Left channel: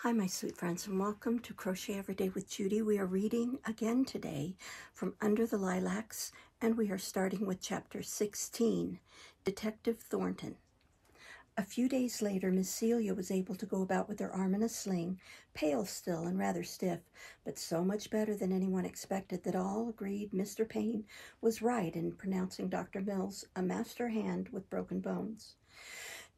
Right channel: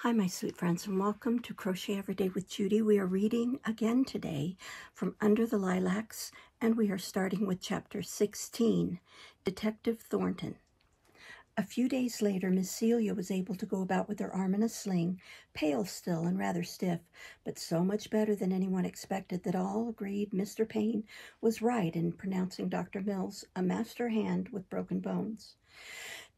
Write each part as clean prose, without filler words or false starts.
Hi, my sweet friends, and welcome to Crochet Every Day with Judy. We are reading again today from Under the Lilacs, and we are starting with Chapter 16, Detective Thornton. A few days later, Miss Celia was able to go about with her arm in a sling, pale still and rather stiff, but so much better than anyone expected that all agreed Mr. Payne was right in pronouncing Dr. Mills a master hand with broken bones.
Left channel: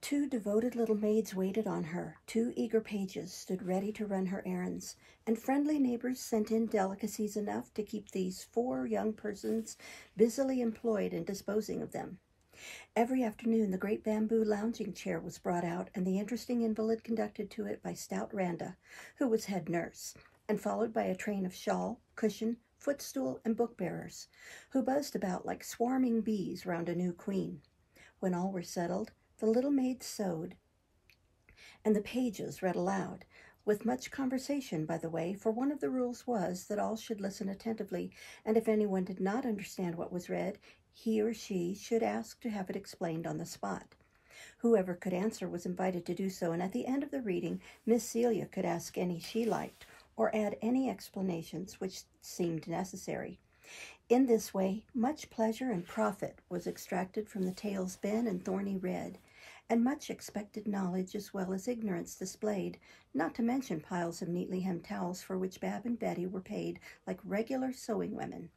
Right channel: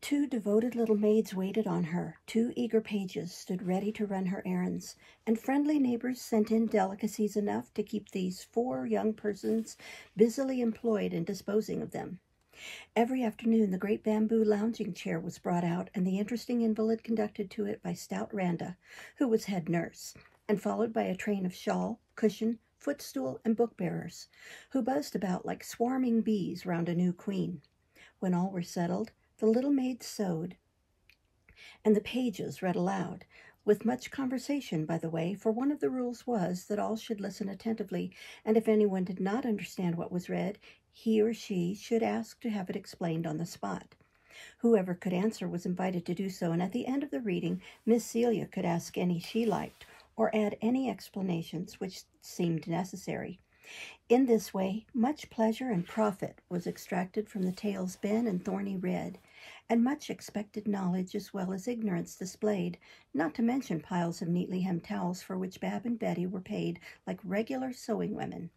2 devoted little maids waited on her, 2 eager pages stood ready to run her errands, and friendly neighbors sent in delicacies enough to keep these 4 young persons busily employed in disposing of them. Every afternoon the great bamboo lounging chair was brought out, and the interesting invalid conducted to it by stout Randa, who was head nurse, and followed by a train of shawl, cushion, footstool, and book-bearers, who buzzed about like swarming bees round a new queen. When all were settled, the little maids sewed, and the pages read aloud, with much conversation, by the way, for one of the rules was that all should listen attentively, and if anyone did not understand what was read, he or she should ask to have it explained on the spot. Whoever could answer was invited to do so, and at the end of the reading, Miss Celia could ask any she liked, or add any explanations which seemed necessary. In this way, much pleasure and profit was extracted from the tales Ben and Thorny read, and much expected knowledge as well as ignorance displayed, not to mention piles of neatly hemmed towels for which Bab and Betty were paid like regular sewing women.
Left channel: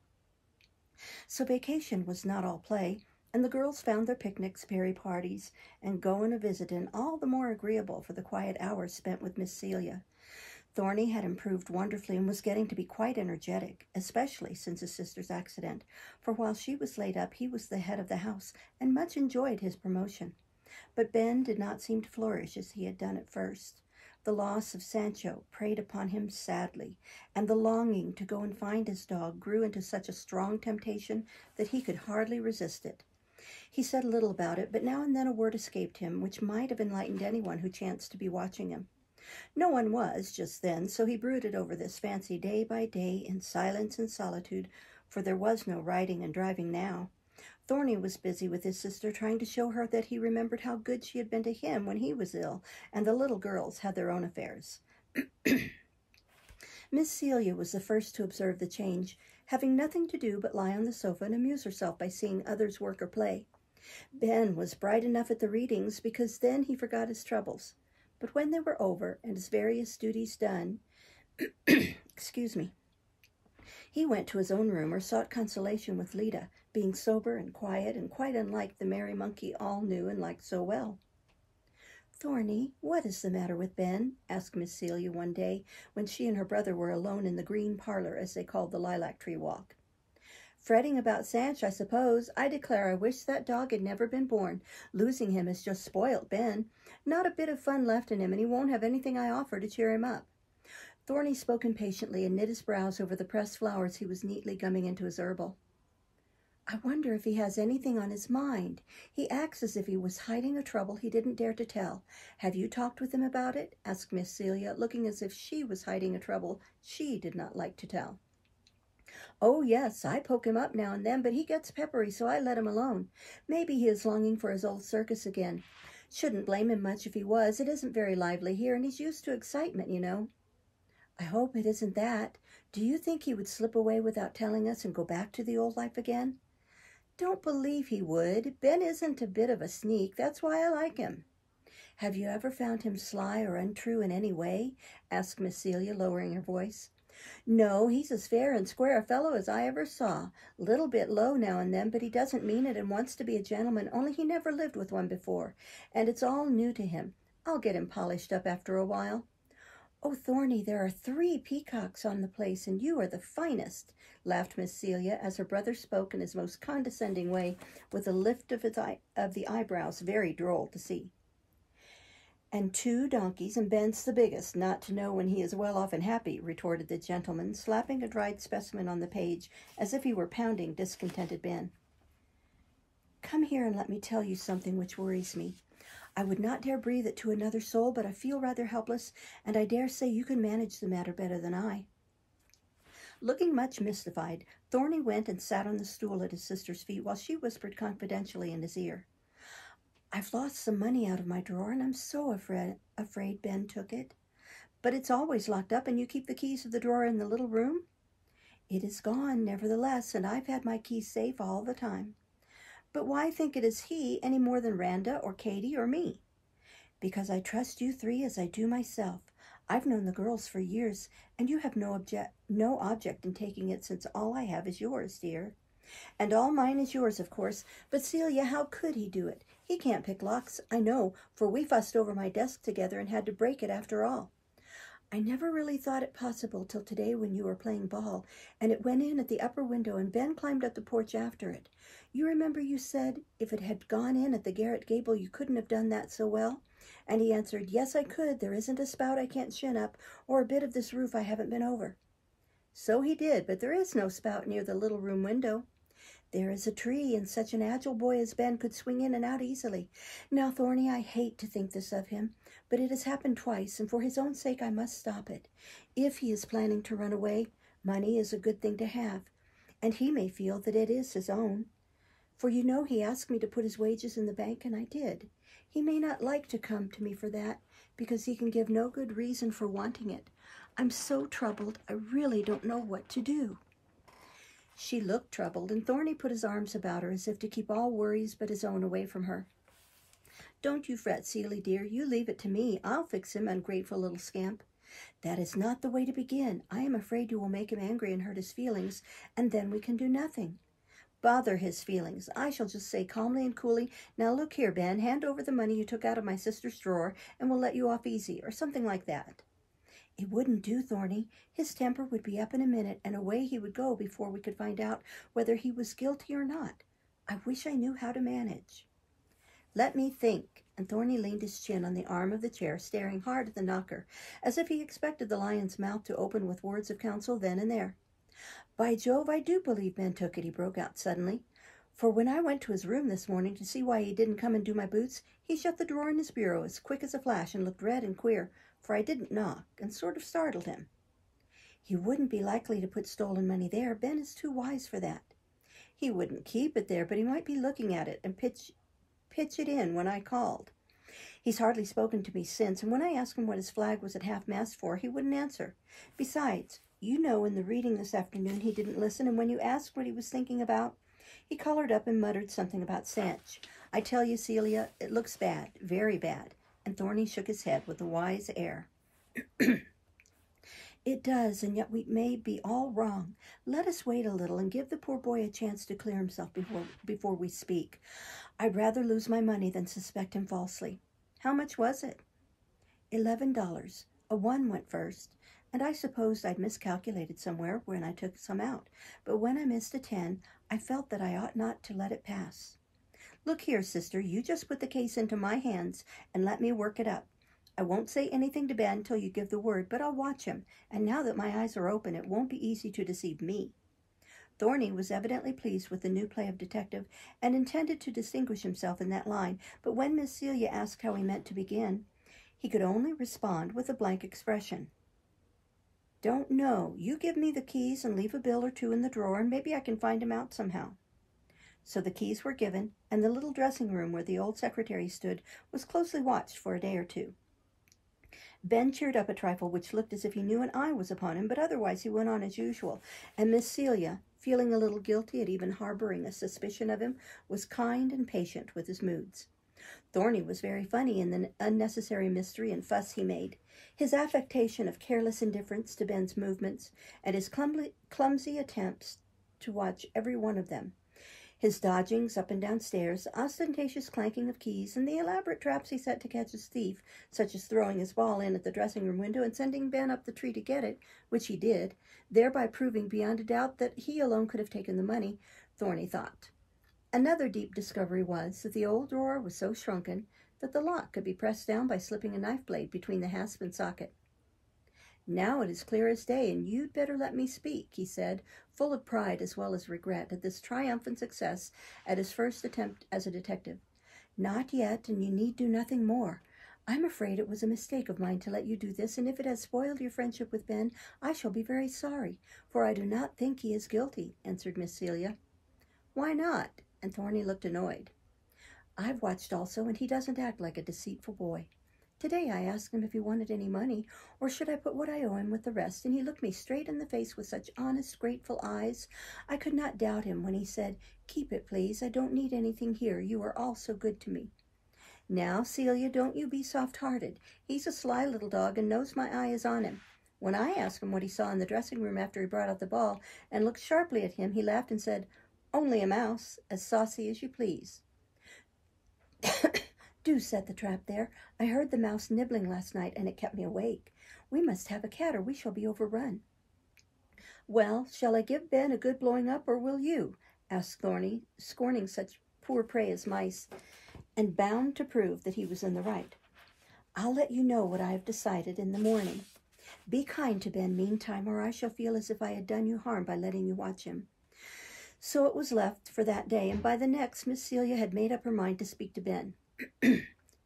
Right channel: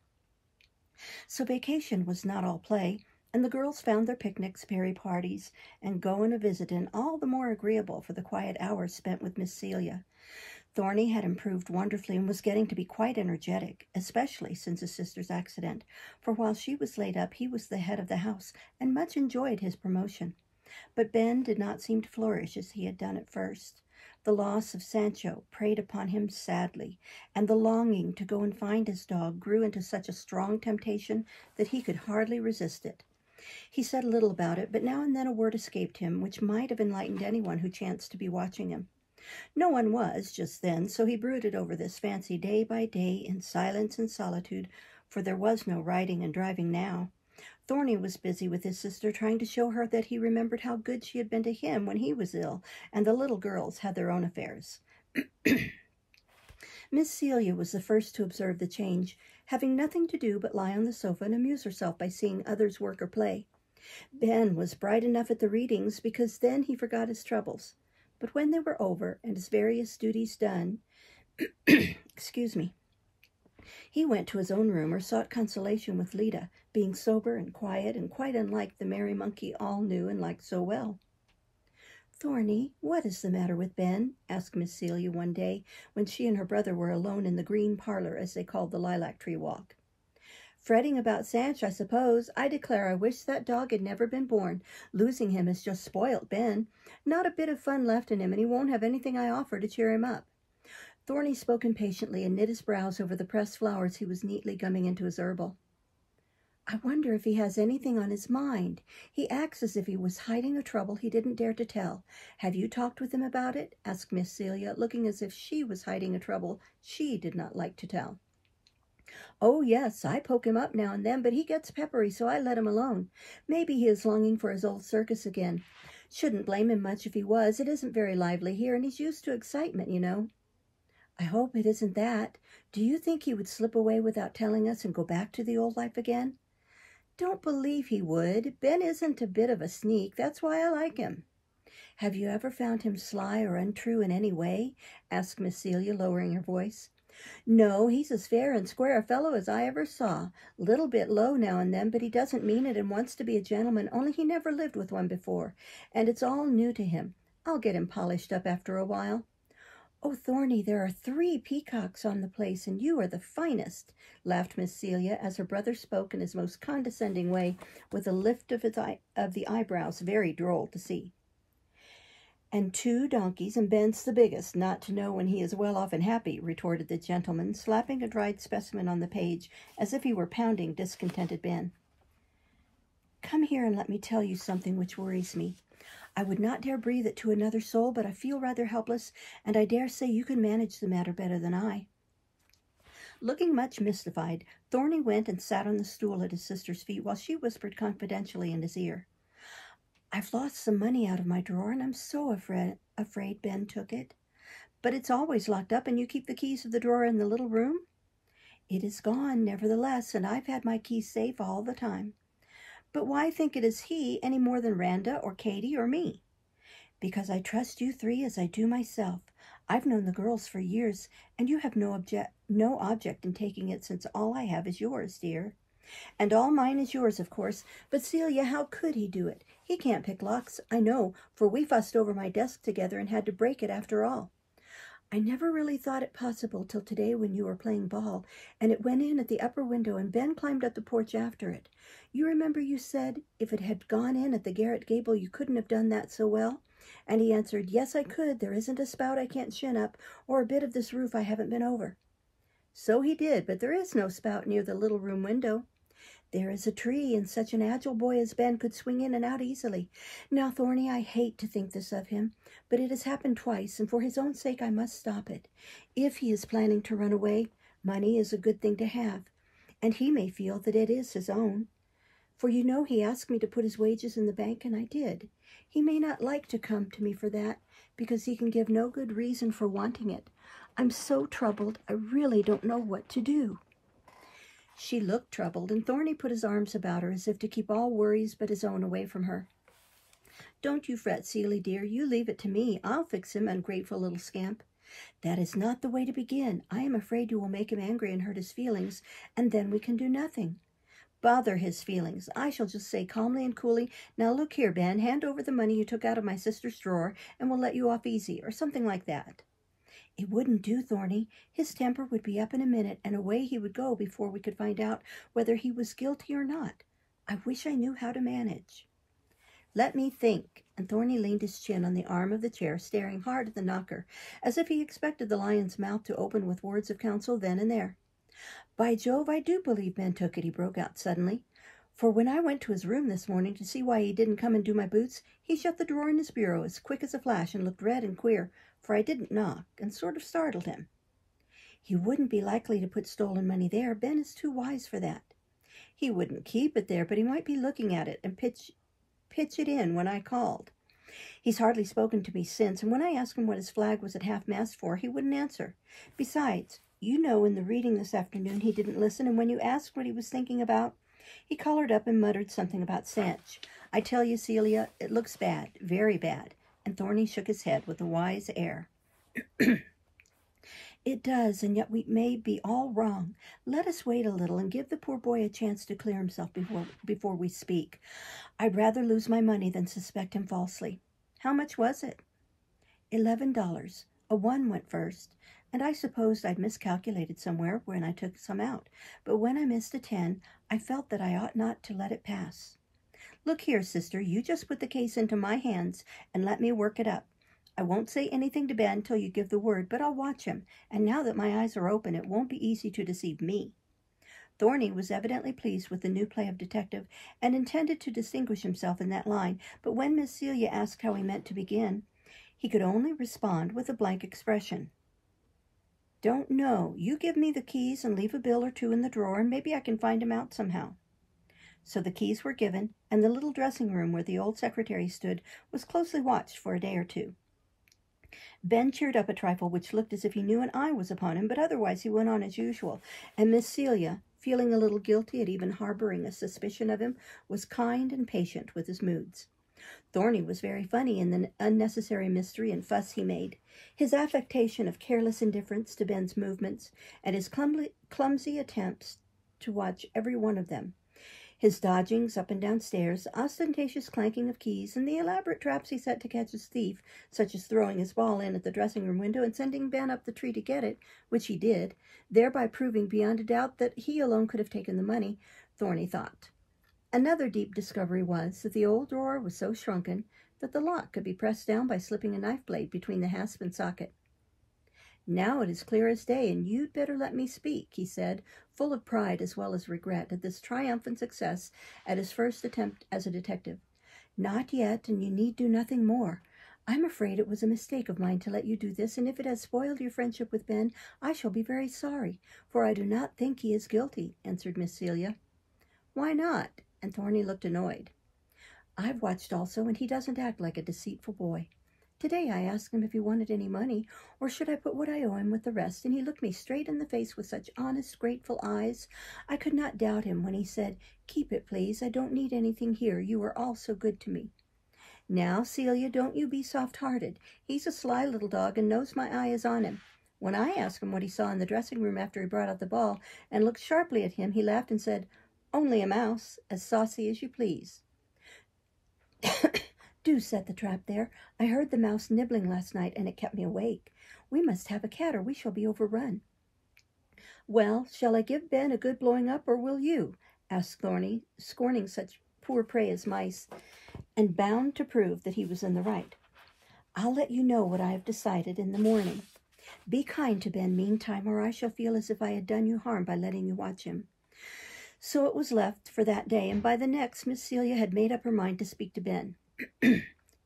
So vacation was not all play, and the girls found their picnics, berry parties, and going a visitin' all the more agreeable for the quiet hours spent with Miss Celia. Thorny had improved wonderfully and was getting to be quite energetic, especially since his sister's accident, for while she was laid up, he was the head of the house and much enjoyed his promotion. But Ben did not seem to flourish as he had done at first. The loss of Sancho preyed upon him sadly, and the longing to go and find his dog grew into such a strong temptation that he could hardly resist it. He said little about it, but now and then a word escaped him which might have enlightened anyone who chanced to be watching him. No one was just then, so he brooded over this fancy day by day in silence and solitude, for there was no riding and driving now. Thorny was busy with his sister, trying to show her that he remembered how good she had been to him when he was ill, and the little girls had their own affairs. Miss Celia was the first to observe the change, having nothing to do but lie on the sofa and amuse herself by seeing others work or play. Ben was bright enough at the readings, because then he forgot his troubles. But when they were over and his various duties done, he went to his own room or sought consolation with Lida, being sober and quiet and quite unlike the merry monkey all knew and liked so well. "Thorny, what is the matter with Ben?" asked Miss Celia one day when she and her brother were alone in the green parlor, as they called the lilac tree walk. "Fretting about Sanch, I suppose. I declare I wish that dog had never been born. Losing him has just spoilt Ben. Not a bit of fun left in him, and he won't have anything I offer to cheer him up." Thorny spoke impatiently and knit his brows over the pressed flowers he was neatly gumming into his herbal. "I wonder if he has anything on his mind. He acts as if he was hiding a trouble he didn't dare to tell. Have you talked with him about it?" asked Miss Celia, looking as if she was hiding a trouble she did not like to tell. "Oh, yes, I poke him up now and then, but he gets peppery, so I let him alone. Maybe he is longing for his old circus again. Shouldn't blame him much if he was. It isn't very lively here, and he's used to excitement, you know." "I hope it isn't that. Do you think he would slip away without telling us and go back to the old life again?" "Don't believe he would. Ben isn't a bit of a sneak. That's why I like him." "Have you ever found him sly or untrue in any way?" asked Miss Celia, lowering her voice. "No, he's as fair and square a fellow as I ever saw. Little bit low now and then, but he doesn't mean it and wants to be a gentleman, only he never lived with one before, and it's all new to him. I'll get him polished up after a while." "Oh, Thorny, there are 3 peacocks on the place, and you are the finest," laughed Miss Celia, as her brother spoke in his most condescending way, with a lift of the eyebrows, very droll to see. "And 2 donkeys, and Ben's the biggest, not to know when he is well off and happy," retorted the gentleman, slapping a dried specimen on the page as if he were pounding discontented Ben. "Come here and let me tell you something which worries me. I would not dare breathe it to another soul, but I feel rather helpless, and I dare say you can manage the matter better than I." Looking much mystified, Thorny went and sat on the stool at his sister's feet while she whispered confidentially in his ear. "I've lost some money out of my drawer, and I'm so afraid Ben took it." But it's always locked up, and you keep the keys of the drawer in the little room? It is gone, nevertheless, and I've had my keys safe all the time. But why think it is he any more than Randa or Katie or me? Because I trust you three as I do myself. I've known the girls for years, and you have no object in taking it, since all I have is yours, dear. And all mine is yours, of course. But Celia, how could he do it? He can't pick locks, I know, for we fussed over my desk together and had to break it after all. I never really thought it possible till today when you were playing ball, and it went in at the upper window, and Ben climbed up the porch after it. You remember you said if it had gone in at the garret gable you couldn't have done that so well? And he answered, yes, I could. There isn't a spout I can't shin up, or a bit of this roof I haven't been over. So he did, but there is no spout near the little room window. There is a tree, and such an agile boy as Ben could swing in and out easily. Now, Thorny, I hate to think this of him, but it has happened twice, and for his own sake I must stop it. If he is planning to run away, money is a good thing to have, and he may feel that it is his own. For you know he asked me to put his wages in the bank, and I did. He may not like to come to me for that, because he can give no good reason for wanting it. I'm so troubled, I really don't know what to do. She looked troubled, and Thorny put his arms about her as if to keep all worries but his own away from her. Don't you fret, Celie, dear. You leave it to me. I'll fix him, ungrateful little scamp. That is not the way to begin. I am afraid you will make him angry and hurt his feelings, and then we can do nothing. Bother his feelings. I shall just say calmly and coolly, now look here, Ben, hand over the money you took out of my sister's drawer, and we'll let you off easy, or something like that. It wouldn't do, Thorny. His temper would be up in a minute, and away he would go before we could find out whether he was guilty or not. I wish I knew how to manage. Let me think. And Thorny leaned his chin on the arm of the chair, staring hard at the knocker, as if he expected the lion's mouth to open with words of counsel then and there. By Jove, I do believe Ben took it, he broke out suddenly. For when I went to his room this morning to see why he didn't come and do my boots, he shut the drawer in his bureau as quick as a flash and looked red and queer, for I didn't knock, and sort of startled him. He wouldn't be likely to put stolen money there. Ben is too wise for that. He wouldn't keep it there, but he might be looking at it and pitch it in when I called. He's hardly spoken to me since, and when I asked him what his flag was at half-mast for, he wouldn't answer. Besides, you know in the reading this afternoon he didn't listen, and when you asked what he was thinking about, he colored up and muttered something about stench. I tell you, Celia, it looks bad, very bad. And Thorny shook his head with a wise air. It does, and yet we may be all wrong. Let us wait a little and give the poor boy a chance to clear himself before we speak. I'd rather lose my money than suspect him falsely. How much was it? $11. A 1 went first, and I supposed I'd miscalculated somewhere when I took some out. But when I missed a 10, I felt that I ought not to let it pass. Look here, sister, you just put the case into my hands and let me work it up. I won't say anything to Ben till you give the word, but I'll watch him, and now that my eyes are open, it won't be easy to deceive me. Thorny was evidently pleased with the new play of detective, and intended to distinguish himself in that line, but when Miss Celia asked how he meant to begin, he could only respond with a blank expression. Don't know. You give me the keys and leave a bill or two in the drawer, and maybe I can find him out somehow. So the keys were given, and the little dressing room where the old secretary stood was closely watched for a day or two. Ben cheered up a trifle, which looked as if he knew an eye was upon him, but otherwise he went on as usual, and Miss Celia, feeling a little guilty at even harboring a suspicion of him, was kind and patient with his moods. Thorny was very funny in the unnecessary mystery and fuss he made. His affectation of careless indifference to Ben's movements, and his clumsy attempts to watch every one of them. His dodgings up and down stairs, ostentatious clanking of keys, and the elaborate traps he set to catch his thief, such as throwing his ball in at the dressing-room window and sending Ben up the tree to get it, which he did, thereby proving beyond a doubt that he alone could have taken the money, Thorny thought. Another deep discovery was that the old drawer was so shrunken that the lock could be pressed down by slipping a knife blade between the hasp and socket. Now it is clear as day, and you'd better let me speak, he said, full of pride as well as regret at this triumphant success at his first attempt as a detective. Not yet, and you need do nothing more. I'm afraid it was a mistake of mine to let you do this, and if it has spoiled your friendship with Ben, I shall be very sorry, for I do not think he is guilty, answered Miss Celia. Why not? And Thorny looked annoyed. I've watched also, and he doesn't act like a deceitful boy. Today I asked him if he wanted any money, or should I put what I owe him with the rest, and he looked me straight in the face with such honest, grateful eyes. I could not doubt him when he said, 'Keep it, please. I don't need anything here. You are all so good to me.' Now, Celia, don't you be soft-hearted. He's a sly little dog and knows my eye is on him. When I asked him what he saw in the dressing room after he brought out the ball and looked sharply at him, he laughed and said, 'Only a mouse, as saucy as you please.'" "Do set the trap there. I heard the mouse nibbling last night, and it kept me awake. We must have a cat, or we shall be overrun." "Well, shall I give Ben a good blowing up, or will you?" asked Thorny, scorning such poor prey as mice, and bound to prove that he was in the right. "I'll let you know what I have decided in the morning. Be kind to Ben meantime, or I shall feel as if I had done you harm by letting you watch him." So it was left for that day, and by the next, Miss Celia had made up her mind to speak to Ben.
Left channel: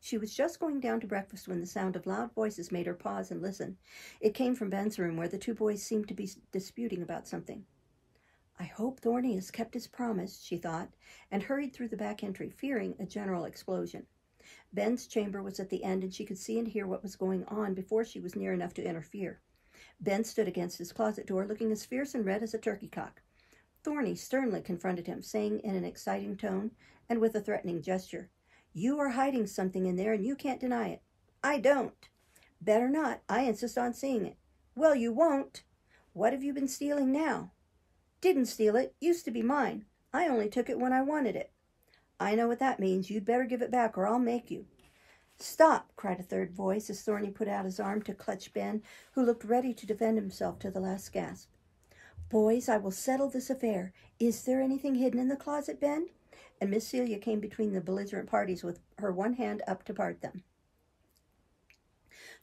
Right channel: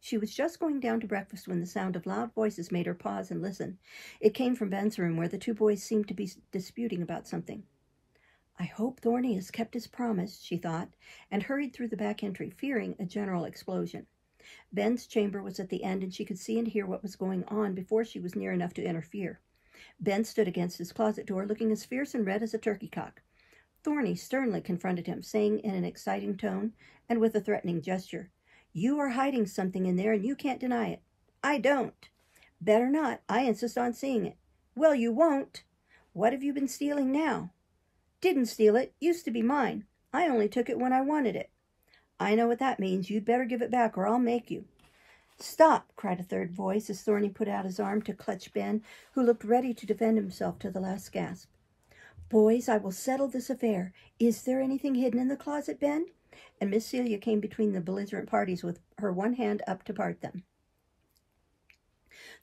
She was just going down to breakfast when the sound of loud voices made her pause and listen. It came from Ben's room, where the two boys seemed to be disputing about something. "I hope Thorny has kept his promise," she thought, and hurried through the back entry, fearing a general explosion. Ben's chamber was at the end, and she could see and hear what was going on before she was near enough to interfere. Ben stood against his closet door, looking as fierce and red as a turkey cock. Thorny sternly confronted him, saying in an exciting tone and with a threatening gesture, "You are hiding something in there, and you can't deny it." "I don't." "Better not. I insist on seeing it." "Well, you won't." "What have you been stealing now?" "Didn't steal it. Used to be mine. I only took it when I wanted it." "I know what that means. You'd better give it back, or I'll make you." "Stop!" cried a third voice as Thorny put out his arm to clutch Ben, who looked ready to defend himself to the last gasp. "Boys, I will settle this affair. Is there anything hidden in the closet, Ben?" And Miss Celia came between the belligerent parties with her one hand up to part them.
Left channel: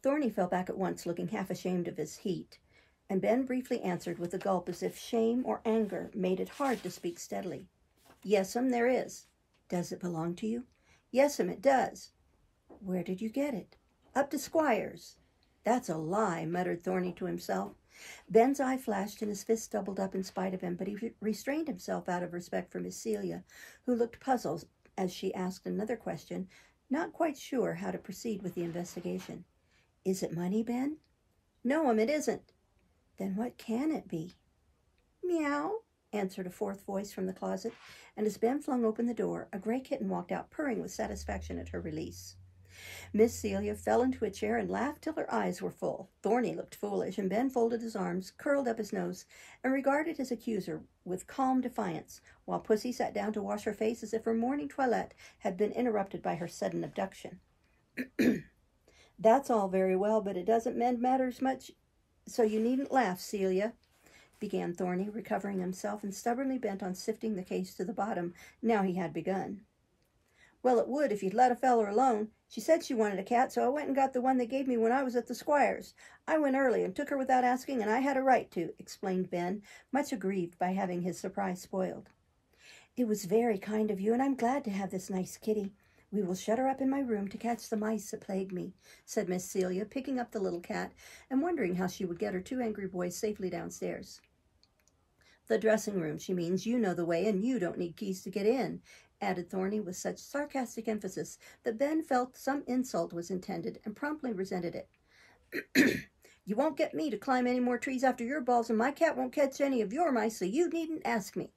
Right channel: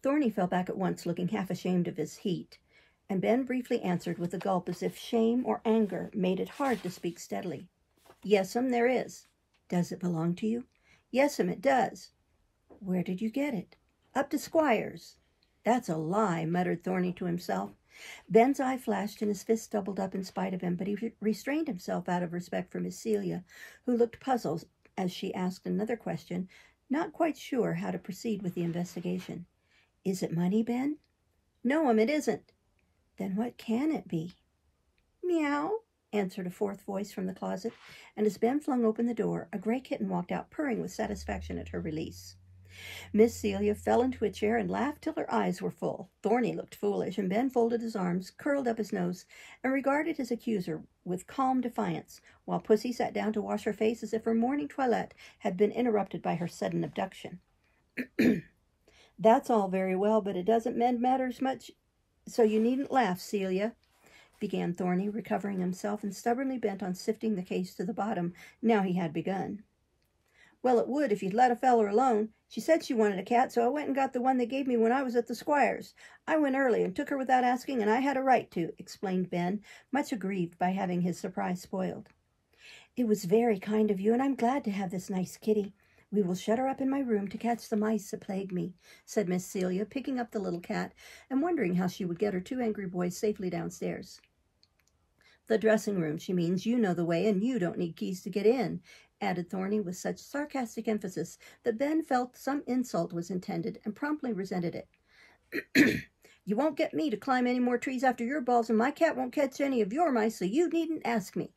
Thorny fell back at once, looking half ashamed of his heat, and Ben briefly answered with a gulp as if shame or anger made it hard to speak steadily. "Yes'm, there is." "Does it belong to you?" "Yes'm, it does." "Where did you get it?" "Up to Squire's." "That's a lie," muttered Thorny to himself. Ben's eye flashed and his fist doubled up in spite of him, but he restrained himself out of respect for Miss Celia, who looked puzzled as she asked another question, not quite sure how to proceed with the investigation. "Is it money, Ben?" "No'm, it isn't." "Then what can it be?" "Meow," answered a fourth voice from the closet, and as Ben flung open the door, a gray kitten walked out, purring with satisfaction at her release. Miss Celia fell into a chair and laughed till her eyes were full. Thorny looked foolish, and Ben folded his arms, curled up his nose, and regarded his accuser with calm defiance, while Pussy sat down to wash her face as if her morning toilette had been interrupted by her sudden abduction. "That's all very well, but it doesn't mend matters much, so you needn't laugh, Celia," began Thorny, recovering himself and stubbornly bent on sifting the case to the bottom, now he had begun. "Well, it would if you'd let a feller alone. She said she wanted a cat, so I went and got the one they gave me when I was at the Squire's. I went early and took her without asking, and I had a right to," explained Ben, much aggrieved by having his surprise spoiled. "It was very kind of you, and I'm glad to have this nice kitty. We will shut her up in my room to catch the mice that plague me," said Miss Celia, picking up the little cat and wondering how she would get her two angry boys safely downstairs. "The dressing room, she means. You know the way, and you don't need keys to get in," added Thorny with such sarcastic emphasis that Ben felt some insult was intended and promptly resented it. "You won't get me to climb any more trees after your balls, and my cat won't catch any of your mice, so you needn't ask me."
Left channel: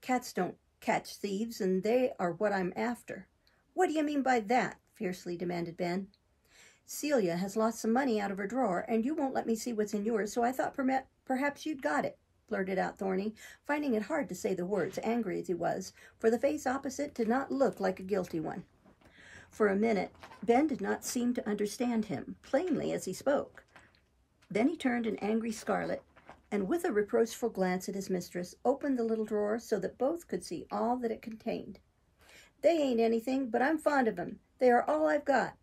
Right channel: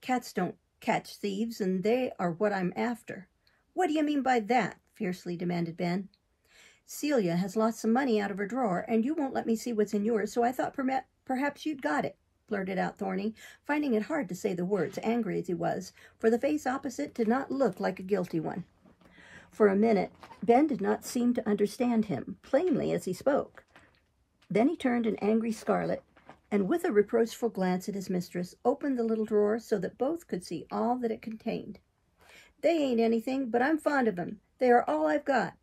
"Cats don't catch thieves, and they are what I'm after." "What do you mean by that?" fiercely demanded Ben. "Celia has lost some money out of her drawer, and you won't let me see what's in yours, so I thought perhaps you'd got it," blurted out Thorny, finding it hard to say the words, angry as he was, for the face opposite did not look like a guilty one. For a minute, Ben did not seem to understand him, plainly as he spoke. Then he turned an angry scarlet, and with a reproachful glance at his mistress, opened the little drawer so that both could see all that it contained. "They ain't anything, but I'm fond of 'em. They are all I've got.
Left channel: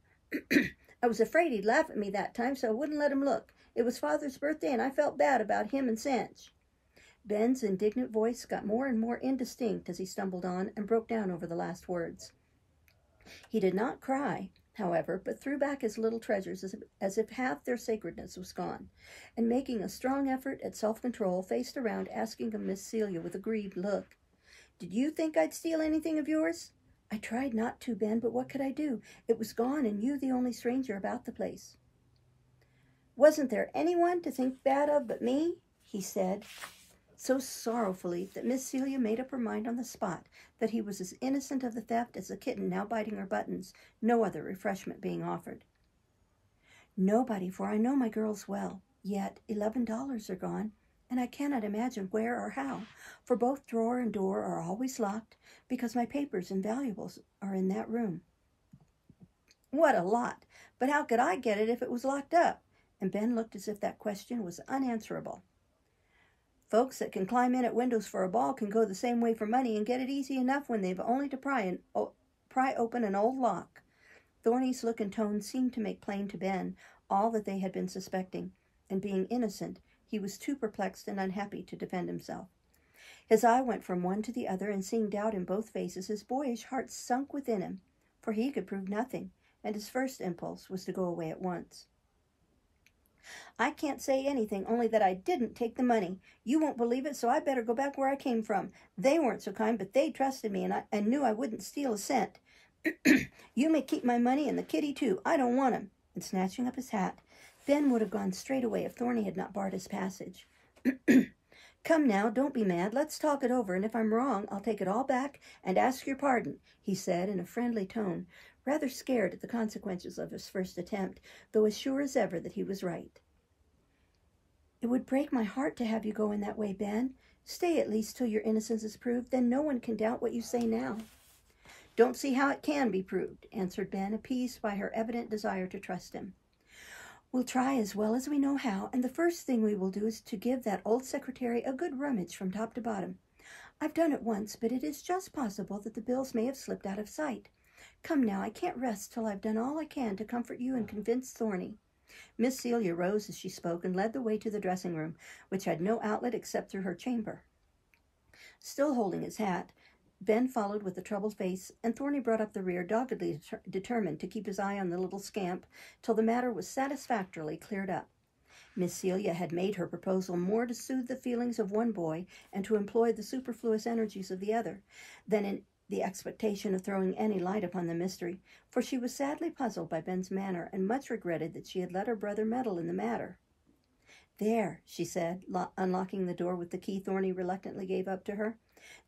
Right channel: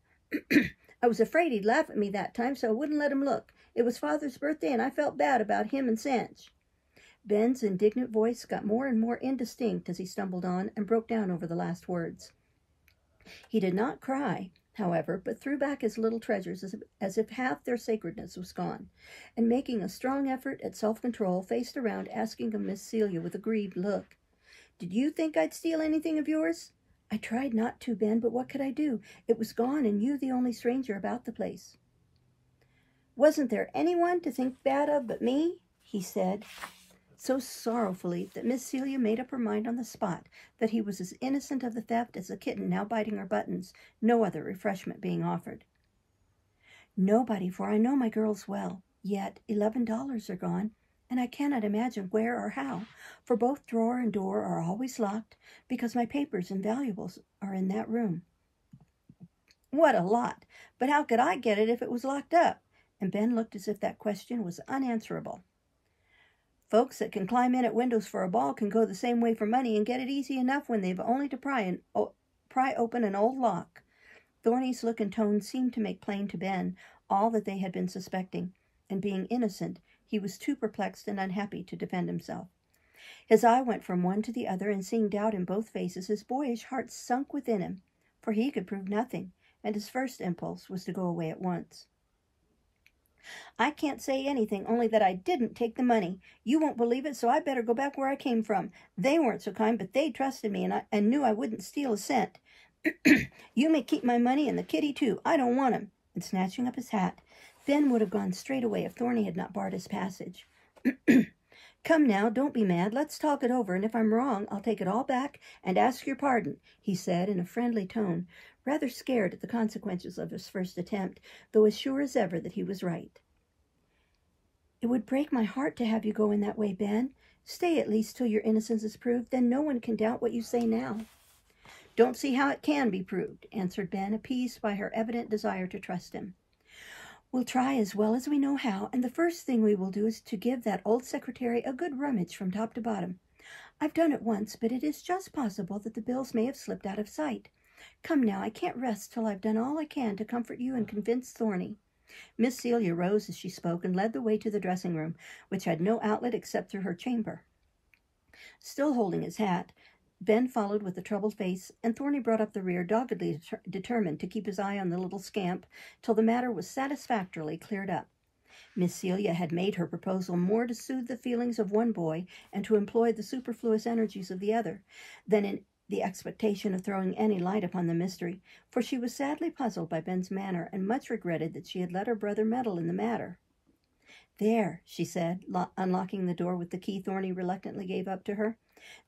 I was afraid he'd laugh at me that time, so I wouldn't let him look. It was Father's birthday, and I felt bad about him and Sanch." Ben's indignant voice got more and more indistinct as he stumbled on and broke down over the last words. He did not cry, however, but threw back his little treasures as if half their sacredness was gone, and making a strong effort at self-control, faced around, asking of Miss Celia with a grieved look, "Did you think I'd steal anything of yours?" I tried not to, Ben, but what could I do? It was gone, and you the only stranger about the place. Wasn't there anyone to think bad of but me? He said, so sorrowfully that Miss Celia made up her mind on the spot that he was as innocent of the theft as a kitten now biting her buttons, no other refreshment being offered. Nobody, for I know my girls well, yet $11 are gone, and I cannot imagine where or how, for both drawer and door are always locked, because my papers and valuables are in that room. What a lot! But how could I get it if it was locked up? And Ben looked as if that question was unanswerable. Folks that can climb in at windows for a ball can go the same way for money and get it easy enough when they've only to pry open an old lock. Thorny's look and tone seemed to make plain to Ben all that they had been suspecting, and being innocent, he was too perplexed and unhappy to defend himself. His eye went from one to the other, and seeing doubt in both faces, his boyish heart sunk within him, for he could prove nothing, and his first impulse was to go away at once. I can't say anything, only that I didn't take the money. You won't believe it, so I better go back where I came from. They weren't so kind, but they trusted me and knew I wouldn't steal a cent. You may keep my money and the kitty, too. I don't want him. And snatching up his hat, Ben would have gone straight away if Thorny had not barred his passage. Come now, don't be mad. Let's talk it over, and if I'm wrong, I'll take it all back and ask your pardon, he said in a friendly tone, rather scared at the consequences of his first attempt, though as sure as ever that he was right. It would break my heart to have you go in that way, Ben. Stay at least till your innocence is proved, then no one can doubt what you say now. Don't see how it can be proved, answered Ben, appeased by her evident desire to trust him. We'll try as well as we know how, and the first thing we will do is to give that old secretary a good rummage from top to bottom. I've done it once, but it is just possible that the bills may have slipped out of sight. Come now, I can't rest till I've done all I can to comfort you and convince Thorny. Miss Celia rose as she spoke and led the way to the dressing room, which had no outlet except through her chamber. Still holding his hat, Ben followed with a troubled face, and Thorny brought up the rear, doggedly determined to keep his eye on the little scamp till the matter was satisfactorily cleared up. Miss Celia had made her proposal more to soothe the feelings of one boy and to employ the superfluous energies of the other, than in the expectation of throwing any light upon the mystery, for she was sadly puzzled by Ben's manner, and much regretted that she had let her brother meddle in the matter. There, she said, unlocking the door with the key Thorny reluctantly gave up to her.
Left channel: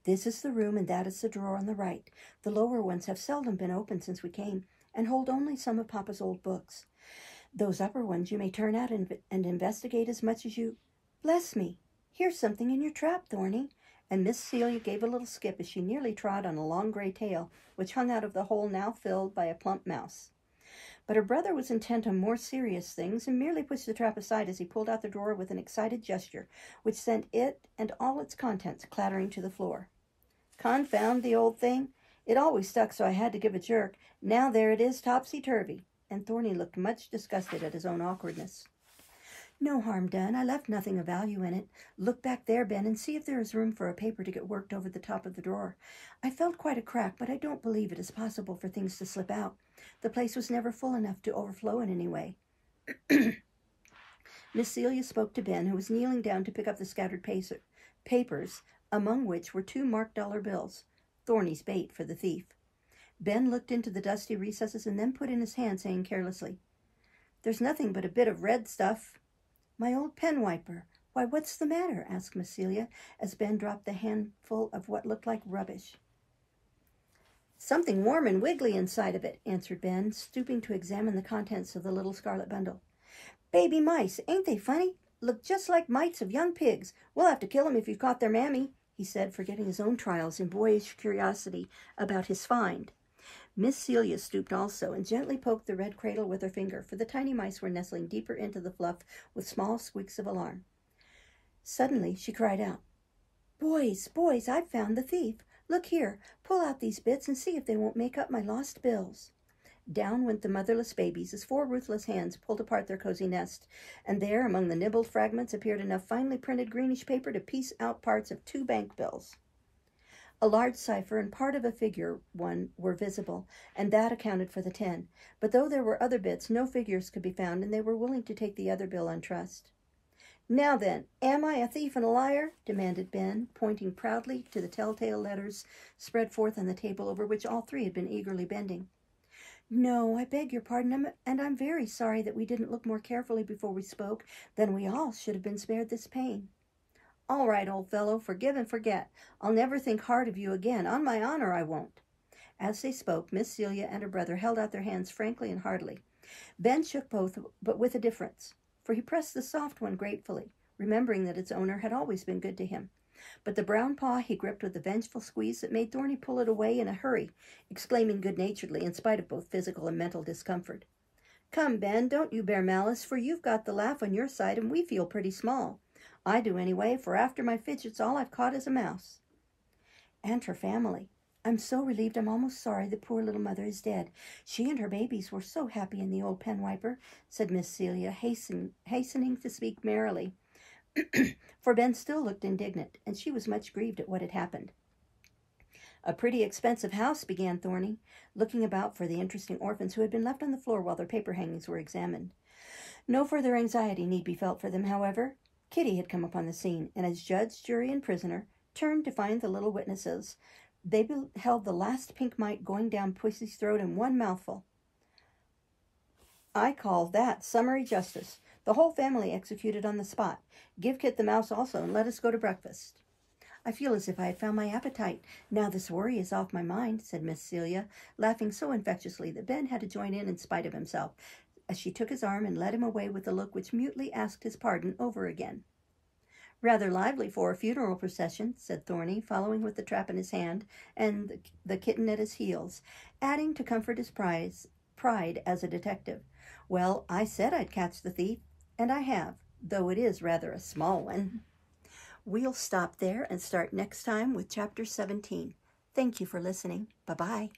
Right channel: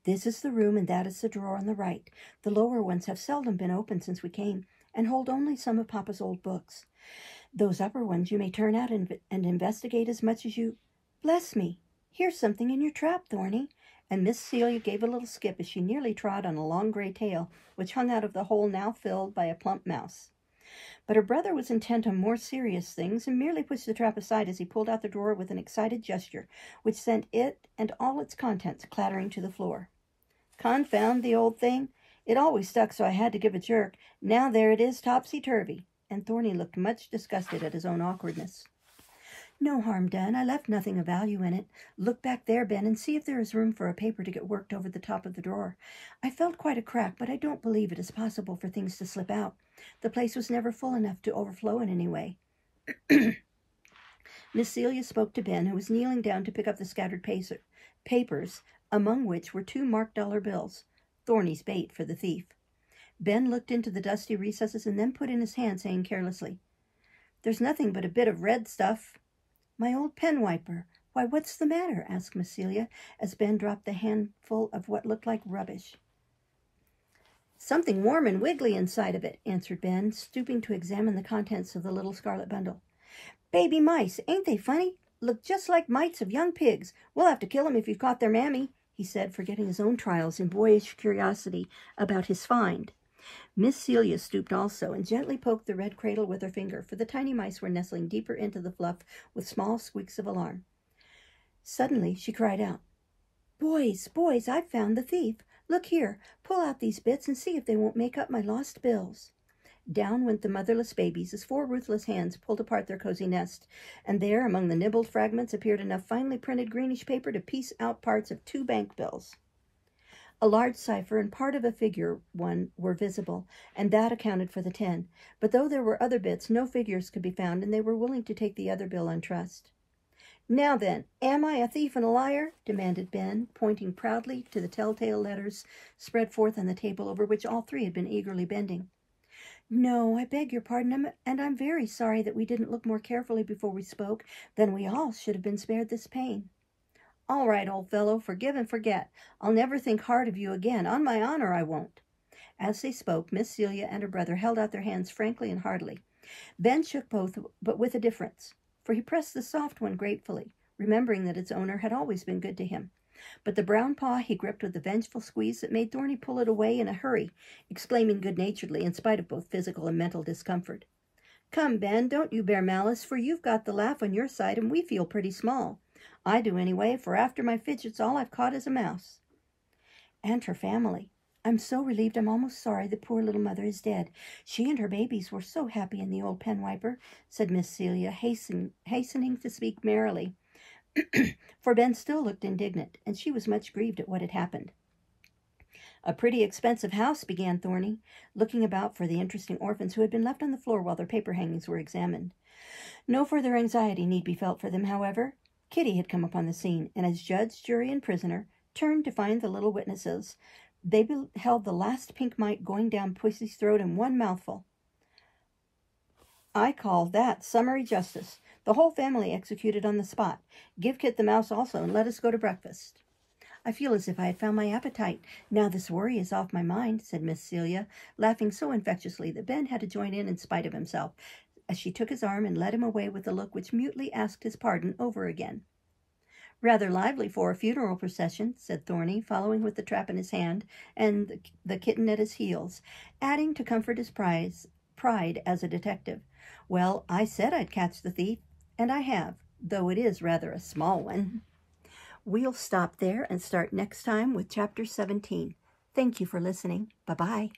This is the room, and that is the drawer on the right. The lower ones have seldom been opened since we came, and hold only some of Papa's old books. Those upper ones you may turn out and investigate as much as you... Bless me! Here's something in your trap, Thorny. And Miss Celia gave a little skip as she nearly trod on a long gray tail, which hung out of the hole now filled by a plump mouse. But her brother was intent on more serious things, and merely pushed the trap aside as he pulled out the drawer with an excited gesture, which sent it and all its contents clattering to the floor. Confound the old thing! It always stuck, so I had to give a jerk. Now there it is, topsy-turvy. And Thorny looked much disgusted at his own awkwardness. No harm done. I left nothing of value in it. Look back there, Ben, and see if there is room for a paper to get worked over the top of the drawer. I felt quite a crack, but I don't believe it is possible for things to slip out. The place was never full enough to overflow in any way. Miss Celia spoke to Ben, who was kneeling down to pick up the scattered papers, among which were 2 marked dollar bills, Thorny's bait for the thief. Ben looked into the dusty recesses and then put in his hand, saying carelessly, "There's nothing but a bit of red stuff." "My old pen wiper. Why, what's the matter?" asked Miss Celia, as Ben dropped the handful of what looked like rubbish. "Something warm and wiggly inside of it," answered Ben, stooping to examine the contents of the little scarlet bundle. "Baby mice, ain't they funny? Look just like mites of young pigs. We'll have to kill 'em if you've caught their mammy," he said, forgetting his own trials in boyish curiosity about his find. Miss Celia stooped also and gently poked the red cradle with her finger, for the tiny mice were nestling deeper into the fluff with small squeaks of alarm. Suddenly she cried out, "Boys, boys, I've found the thief. Look here, pull out these bits and see if they won't make up my lost bills." Down went the motherless babies as 4 ruthless hands pulled apart their cozy nest, and there among the nibbled fragments appeared enough finely printed greenish paper to piece out parts of 2 bank bills. A large cipher and part of a figure one were visible, and that accounted for the 10. But though there were other bits, no figures could be found, and they were willing to take the other bill on trust. Now then, am I a thief and a liar? Demanded Ben, pointing proudly to the telltale letters spread forth on the table over which all three had been eagerly bending. No, I beg your pardon, and I'm very sorry that we didn't look more carefully before we spoke. Then we all should have been spared this pain. All right, old fellow, forgive and forget. I'll never think hard of you again. On my honor, I won't. As they spoke, Miss Celia and her brother held out their hands frankly and heartily. Ben shook both, but with a difference, for he pressed the soft one gratefully, remembering that its owner had always been good to him. But the brown paw he gripped with a vengeful squeeze that made Thorny pull it away in a hurry, exclaiming good-naturedly, in spite of both physical and mental discomfort, "Come, Ben, don't you bear malice, for you've got the laugh on your side, and we feel pretty small. I do anyway, for after my fidgets all I've caught is a mouse." And her family. I'm so relieved I'm almost sorry the poor little mother is dead. She and her babies were so happy in the old pen wiper, said Miss Celia, hastening to speak merrily. For Ben still looked indignant, and she was much grieved at what had happened. "A pretty expensive house," began Thorny, looking about for the interesting orphans who had been left on the floor while their paper hangings were examined. No further anxiety need be felt for them, however. Kitty had come upon the scene, and as judge, jury, and prisoner turned to find the little witnesses, they beheld the last pink mite going down Pussy's throat in one mouthful. I call that summary justice. The whole family executed on the spot. Give Kit the mouse also, and let us go to breakfast. I feel as if I had found my appetite. Now this worry is off my mind, said Miss Celia, laughing so infectiously that Ben had to join in spite of himself, as she took his arm and led him away with a look which mutely asked his pardon over again. Rather lively for a funeral procession, said Thorny, following with the trap in his hand and the kitten at his heels, adding to comfort his pride as a detective. Well, I said I'd catch the thief, and I have, though it is rather a small one. We'll stop there and start next time with Chapter 17. Thank you for listening. Bye-bye.